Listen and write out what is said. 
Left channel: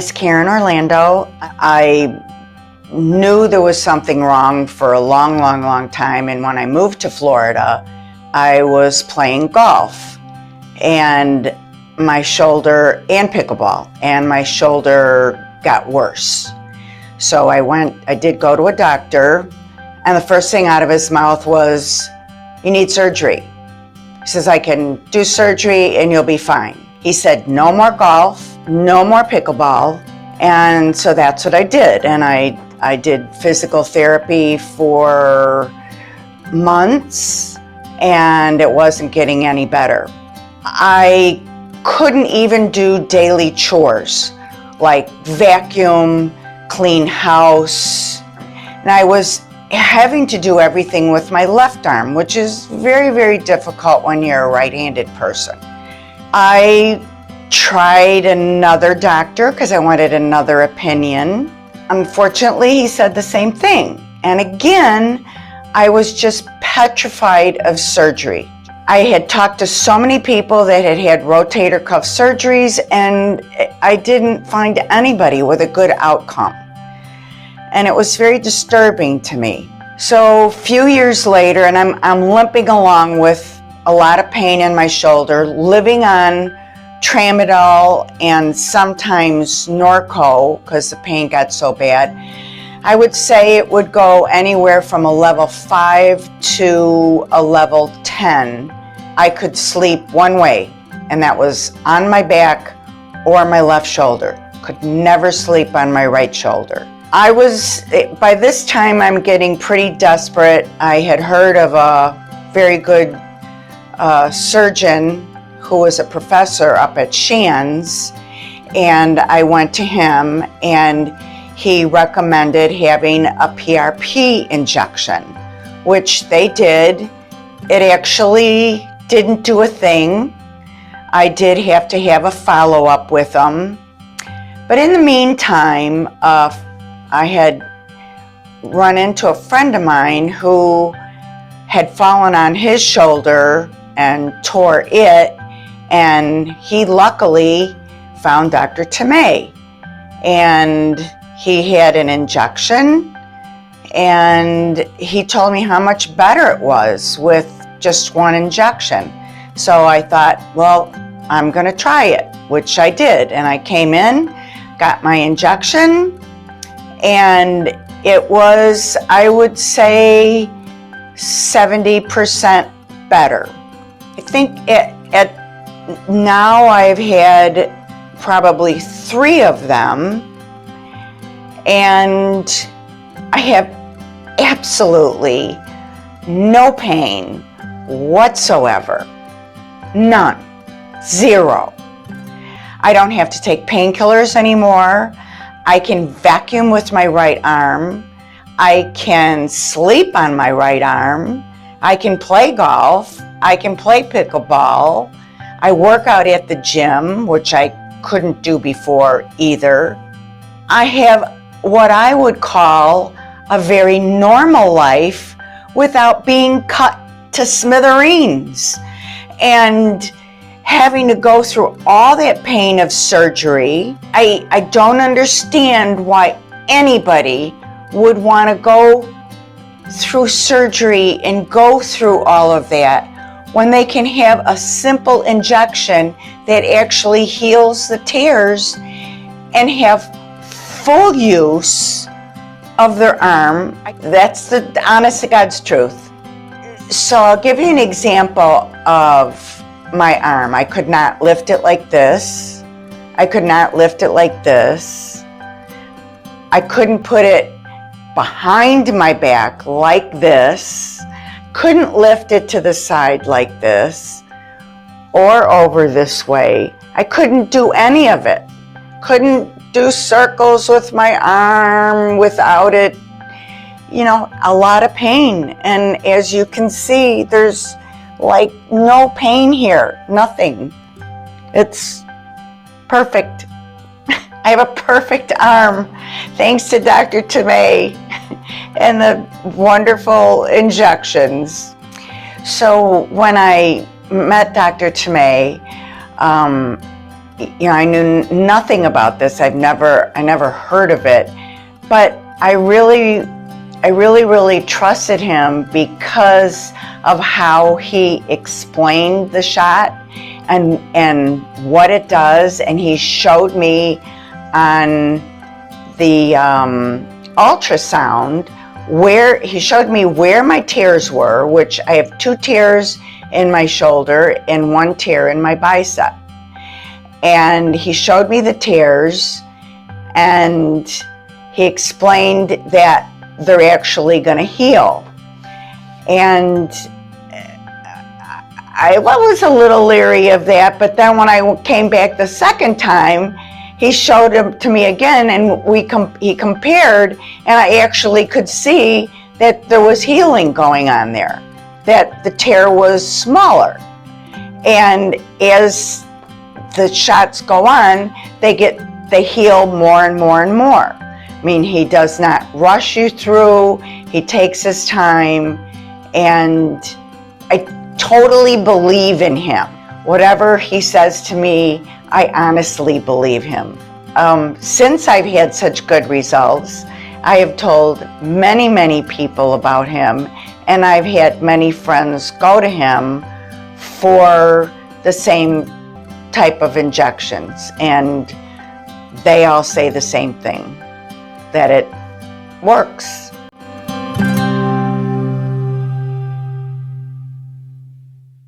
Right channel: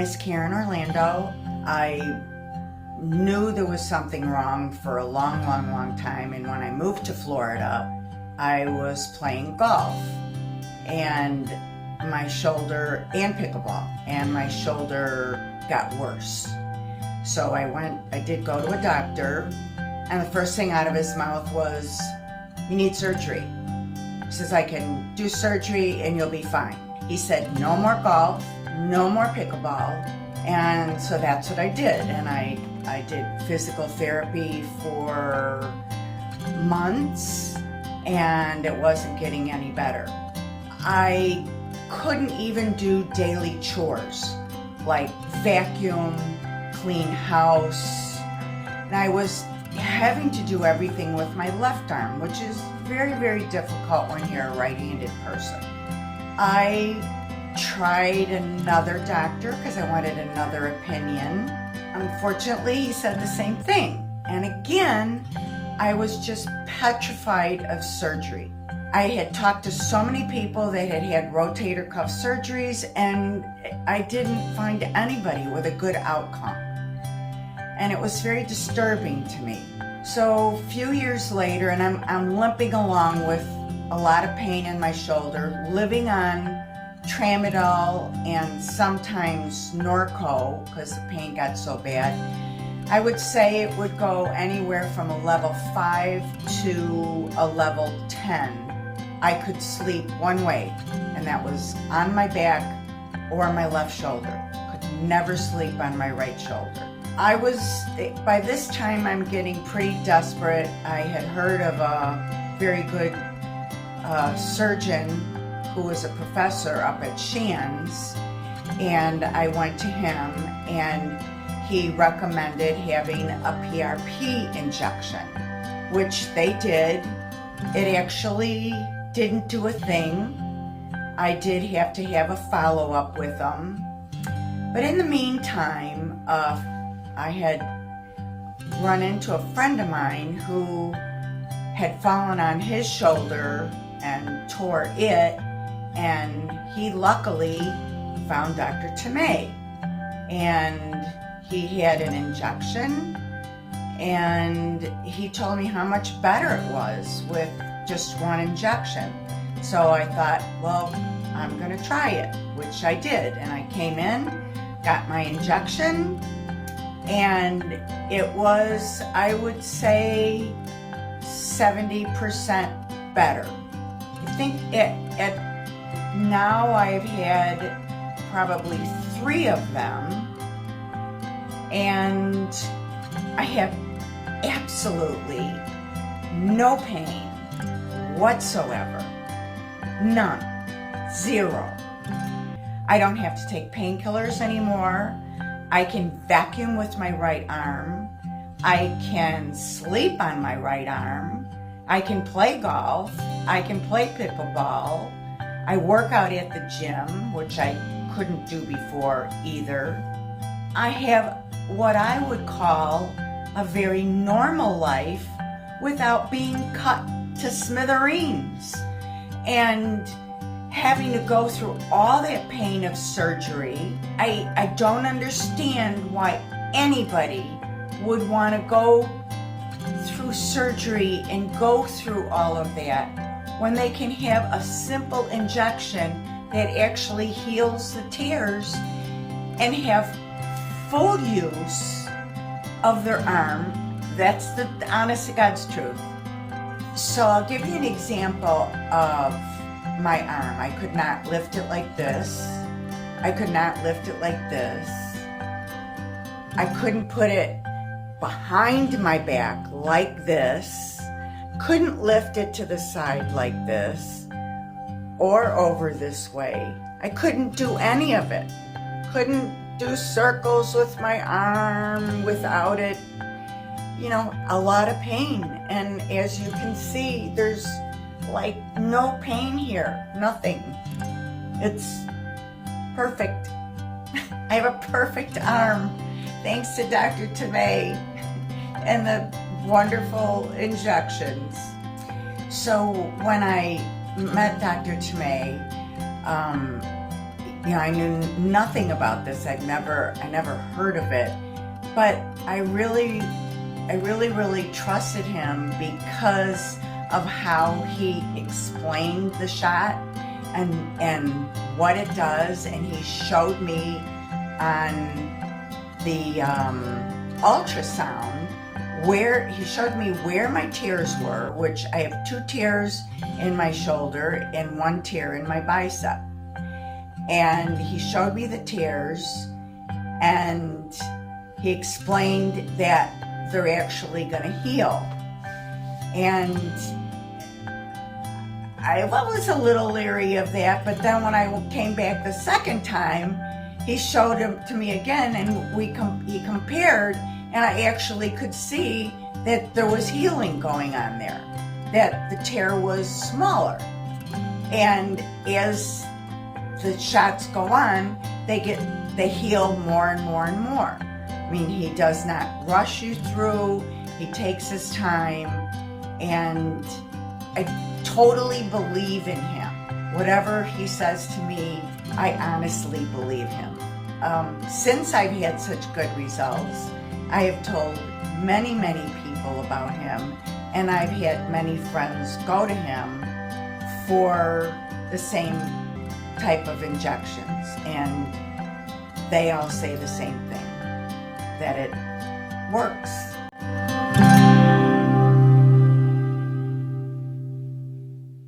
sinus care in Orlando. I knew there was something wrong for a long time, and when I moved to Florida, I was playing golf and my shoulder, and pickleball, and my shoulder got worse. So I did go to a doctor, and the first thing out of his mouth was, "You need surgery." He says, "I can do surgery and you'll be fine." He said, "No more golf, no more pickleball." And so that's what I did. And I did physical therapy for months, and it wasn't getting any better. I couldn't even do daily chores like vacuum, clean house. And I was having to do everything with my left arm, which is very difficult when you're a right-handed person. I tried another doctor because I wanted another opinion. Unfortunately, he said the same thing. And again, I was just petrified of surgery. I had talked to so many people that had had rotator cuff surgeries, and I didn't find anybody with a good outcome. And it was very disturbing to me. So a few years later, and I'm limping along with a lot of pain in my shoulder, living on Tramadol and sometimes Norco because the pain got so bad. I would say it would go anywhere from a level 5 to a level 10. I could sleep one way, and that was on my back or my left shoulder. Could never sleep on my right shoulder. By this time, I'm getting pretty desperate. I had heard of a very good surgeon who was a professor up at Shands, and I went to him, and he recommended having a PRP injection, which they did. It actually didn't do a thing. I did have to have a follow-up with them. But in the meantime, I had run into a friend of mine who had fallen on his shoulder and tore it, and he luckily found Dr. Tamea. And he had an injection, and he told me how much better it was with just one injection. So I thought, well, I'm gonna try it, which I did. And I came in, got my injection, and it was, I would say, 70% better. I think now I've had probably 3 of them, and I have absolutely no pain whatsoever. None. 0. I don't have to take painkillers anymore. I can vacuum with my right arm. I can sleep on my right arm. I can play golf. I can play pickleball. I work out at the gym, which I couldn't do before either. I have what I would call a very normal life without being cut to smithereens and having to go through all that pain of surgery. I don't understand why anybody would want to go through surgery and go through all of that when they can have a simple injection that actually heals the tears and have full use of their arm. That's the honest to God's truth. So I'll give you an example of my arm. I could not lift it like this. I could not lift it like this. I couldn't put it behind my back like this. Couldn't lift it to the side like this or over this way. I couldn't do any of it. Couldn't do circles with my arm without it. You know, a lot of pain. And as you can see, there's like no pain here, nothing. It's perfect. I have a perfect arm, thanks to Dr. Tamea and the wonderful injections. So when I met Dr. Tamea, I knew nothing about this. I never heard of it, but I really trusted him because of how he explained the shot and what it does. And he showed me on the ultrasound where my tears were, which I have 2 tears in my shoulder and 1 tear in my bicep. And he showed me the tears, and he explained that they're actually going to heal. And I was a little leery of that, but then when I came back the second time, he showed them to me again, and he compared, and I actually could see that there was healing going on there, that the tear was smaller. And as the shots go on, they heal more and more and more. I mean, he does not rush you through, he takes his time, and I totally believe in him. Whatever he says to me, I honestly believe him. Since I've had such good results, I have told many people about him, and I've had many friends go to him for the same type of injections, and they all say the same thing, that it works.